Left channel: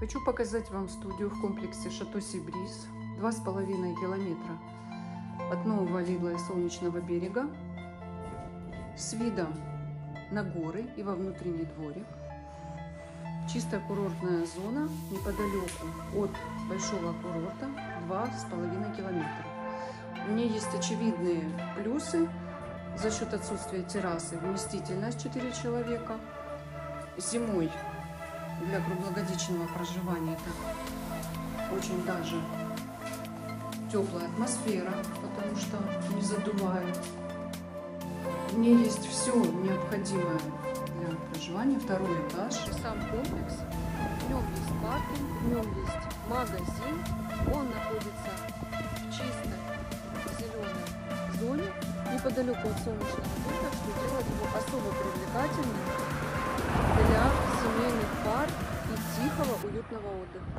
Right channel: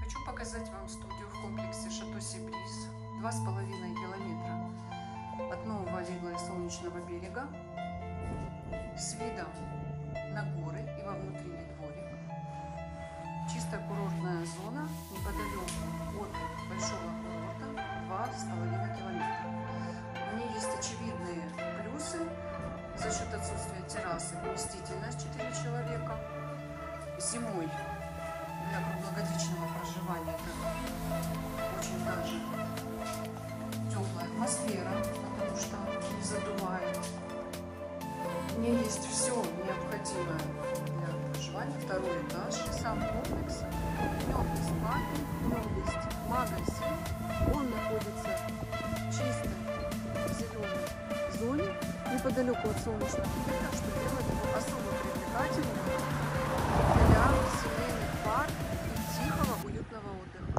Хочу показать вам студию в комплексе Шато Си-Бриз, 2,5 километра от Нового Лидла и Солнечного берега, с видом на горы и во внутренний дворик. Чистая курортная зона неподалеку от большого курорта, 2,5 километра. У нее есть очевидные плюсы за счет отсутствия террасы, вместительность 4 человека. Зимой для круглогодичного проживания это очень даже теплая атмосфера, потому что не задувает. У нее есть все необходимое для проживания. Второй этаж. Сам комплекс. В нем есть паркинг, в нем есть магазин. Он находится в чистой зеленой зоне, неподалеку от Солнечного берега, что делает его особо привлекательным для семейных пар и тихого, уютного отдыха.